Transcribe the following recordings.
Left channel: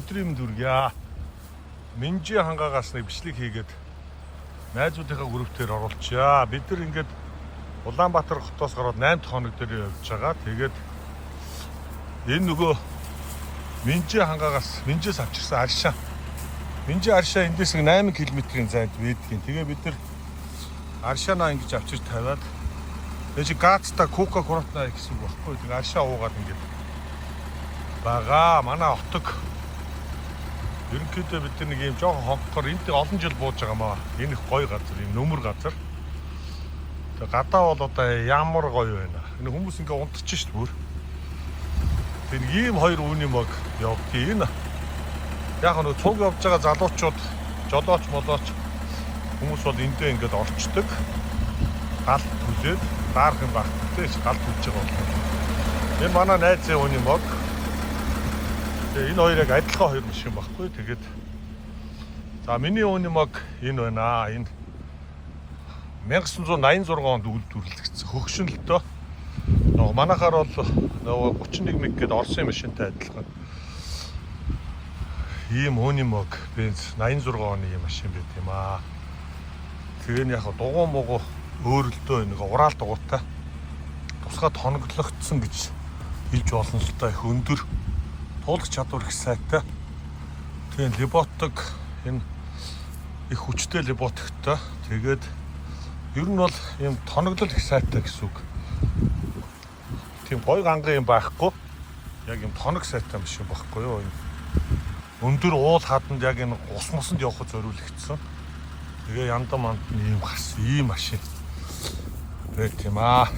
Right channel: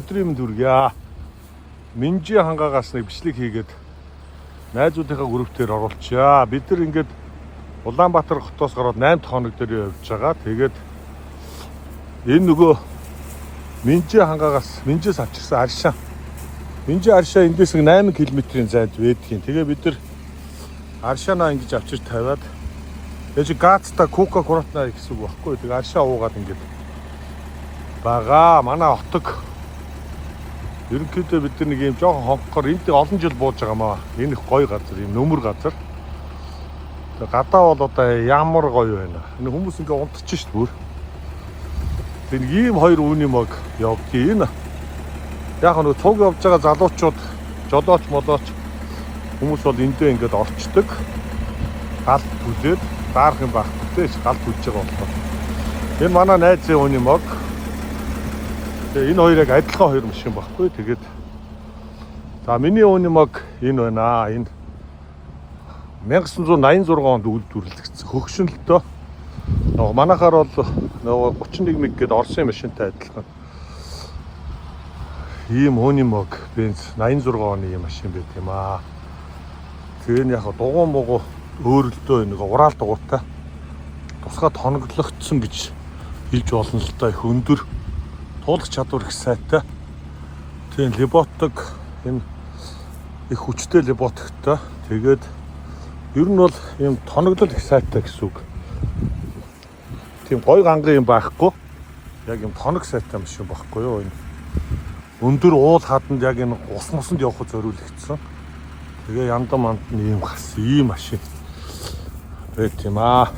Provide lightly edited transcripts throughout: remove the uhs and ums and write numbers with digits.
Өдрийн дүргийа. Минжи хангаагаас нэг бичлэг хийгээд найзуудынхаа группээр оруулчаа. Бид нар ингээд Улаанбаатар хотоос гараад 8 хоног дээр явж байгаа. Тэгээд энэ нөгөө Минжи хангаагаас Минжис авчирсан аршаа. Минжи аршаа эндээс 8 км-ийн зайд байдгийн. Тэгээ бид нар аршаанаа ингэж авчирч тавиад тэгэж газта кока-кола гэсэн үг баггүй. Тэгээ аршаа уугаад ингэж бага манай хотог ерөнхийдөө бид нэг юм жоохон хонхоор энд олон жил бууж байгаа маа. Энэ их гоё газар, энэ нөмөр газар. Гадаа бол одоо ямар гоё байна. Энэ хүмүүс ингээ унтчих шүү дээ. Тэр ийм хоёр үүний мог явдгийг энэ. Яг нэг цуг явж байгаа залуучууд, жолооч молооч хүмүүс бол эндээ ингээд орчдөг. Галт үзээд даарх юм баг. Тэйч галт үзэж байгаа. Энэ манай найзын үүний мог. Тэгээ энэ хоёрыг адилхан хоёр юм шиг баггүй. Тэгээд за миний үүний мог энэ байна. Энэ 1986 онд үйлдвэрлэгдсэн хөгшинлөлтөө. Нөгөө манайхаар бол нөгөө 31 мэг гээд Орсын машинтай адилхан. Ийм үүний мог бенз 86 оны ийм машин байт юм аа. Тэр нь яг дугуй мугу өөрөлдөө нэг ураал дугуйтай. Тусгаад хоноглогдсон гэж хэлж болно л та их өндөр. Туулах чадвар их сайтай. Тийм роботик энэ их хүчтэй роботиктай. Тэгээд ер нь бол ийм тоноглол их сайтай гэсэн үг. Тийм гой ганган юм байхгүй. Яг юм тоног сайтай машин байхгүй юу. Өндөр уул хаданд яг энэ ус мосонд явахд зориулагдсан. Тэгээ яндан манд ийм гас ийм машин байт юм аа.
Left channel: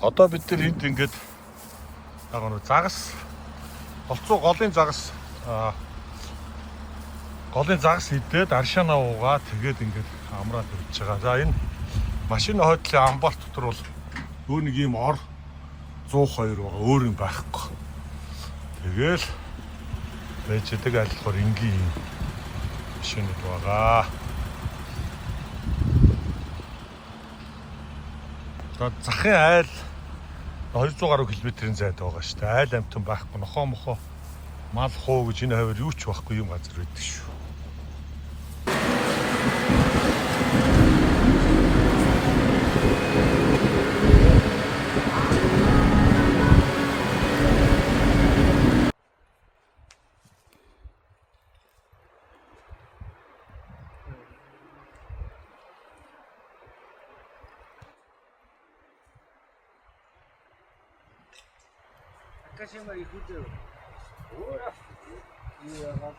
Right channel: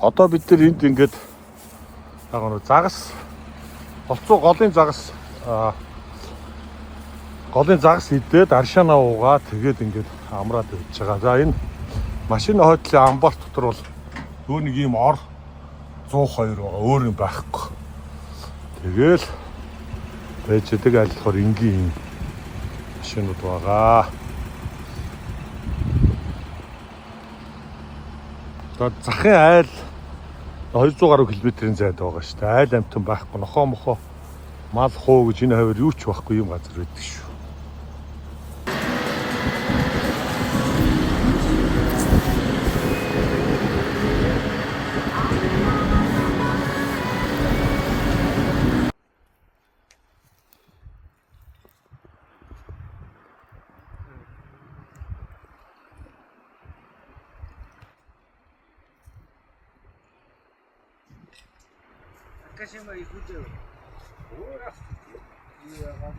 Одоо бид нар энд ингээд загас голцоо голын загас идээд аршаанаа уугаа тэгээд ингээд амраад явж байгаа. За энэ машины хойдлын амбарт дотор бол өөр нэг юм ор 102 өөр юм байхгүй. Тэгэл байждаг айлхаар энгийн машинууд байгаа. Захын айл 200 гаруй км-ийн зайд байгаа шүү дээ. Айл амтан байхгүй, нохоо мохоо мал хуу гэж энэ хавар юу ч байхгүй юм газар байдаг шүү. Kasih mari kuda. Ora. Iya kan.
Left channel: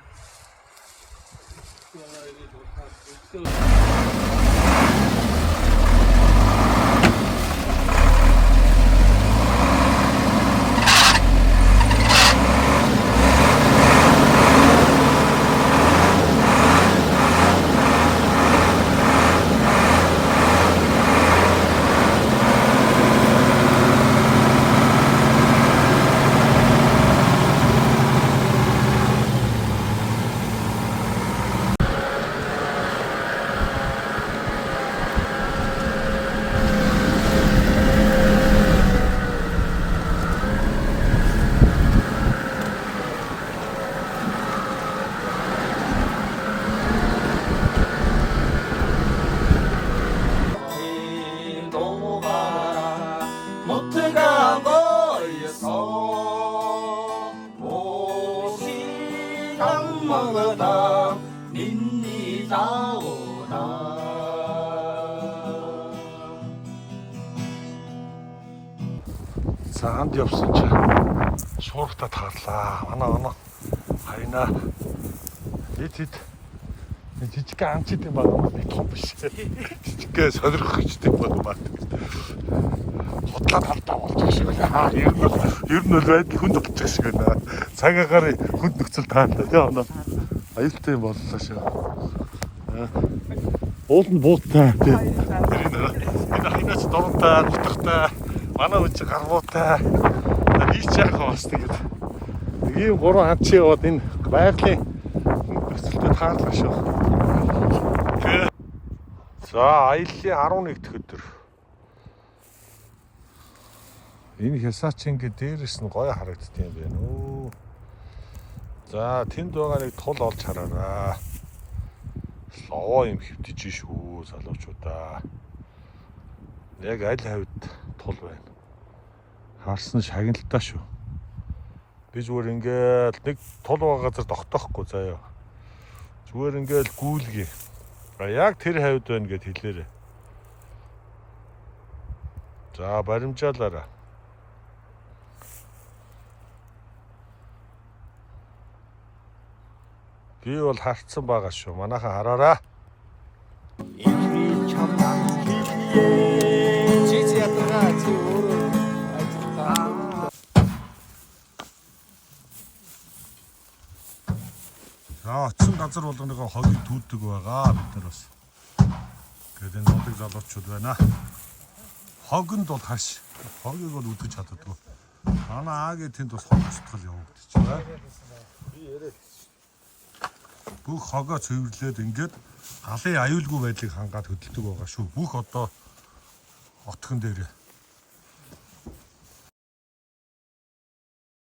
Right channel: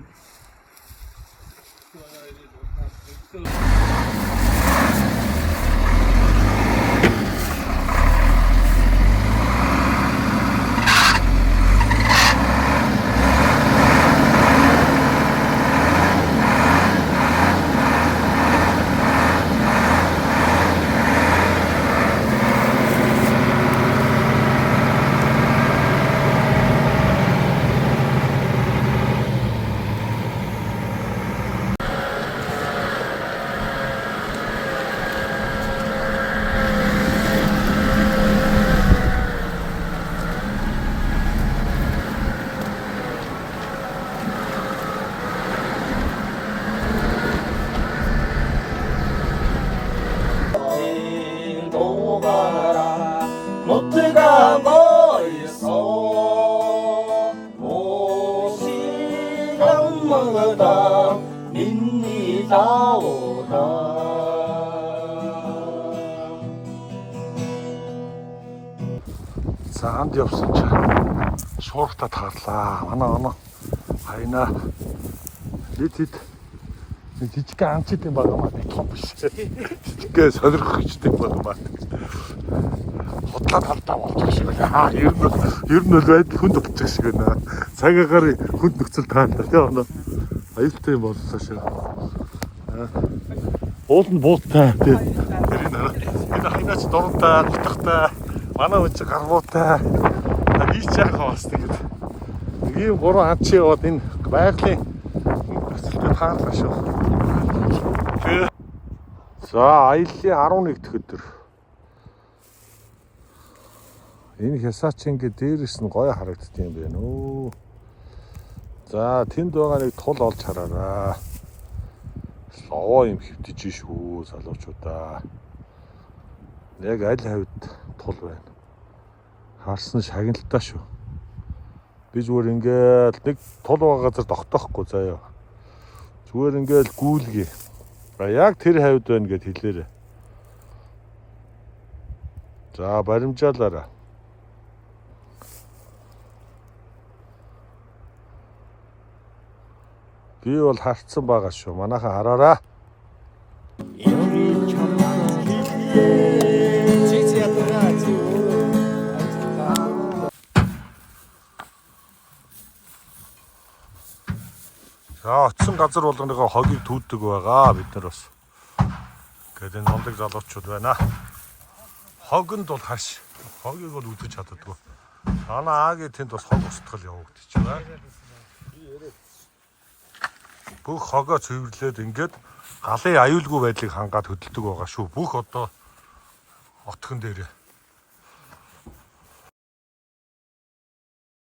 За ханд явсан чи шууртаа таарлаа. Манай хайна. Хит жижиг амчид юм байна. Биш. Жижиг сонирхох хэрэгтэй байна. Бодлоо болж байна. Ер нь л байдал хүнд болчих шиг байна. Цагаагаар хүнд нөхцөл таалаа. Тэгээ аюултай юм боллоо шүү. Уул нь буутаа. Ханаач дуутаа, нутагтаа, манай үчи гаргуутай. Ийч яах вэ гэдэг. Ийм гурван хад чи яваад энэ байгалийн таалах шүү. За аяллаа 11 дэх өдөр. Энэ хясаач ингээд дээрээс нь гоё харагддаг юм байна уу. За тэнд байгаа нэг тул олж хараарай. Ловоо юм хөвтөж шүү залуучуудаа. Яг аль хавьд тул байна. Харсан шагналтай шүү. Би зүгээр ингээд нэг тул байгаа газар тогтоохгүй заяа. Зүгээр ингээд гүйлгий. Яг тэр хавьд байна гэд хэлээрээ. За баримжаалаарай. Би бол харцсан байгаа шүү. Манайхан хараараа. Эвгүй чамдан хэлээ. Чи ятгаа чи өөрөө ажиллаа. За очсон газар болгоныхоо хогийг түүдэг байгаа бид нар бас. Тэгээд энэ нундаг залуучууд байна. Хогонд бол хаш. Хогийг бол үдэж чаддаггүй. Манай аагийн тэнд бас хог устгал явагдчих байна. Бүх хогоо цэвэрлээд ингээд галын аюулгүй байдлыг хангаад хөдөлдөг байгаа шүү. Бүх одоо отгон дээр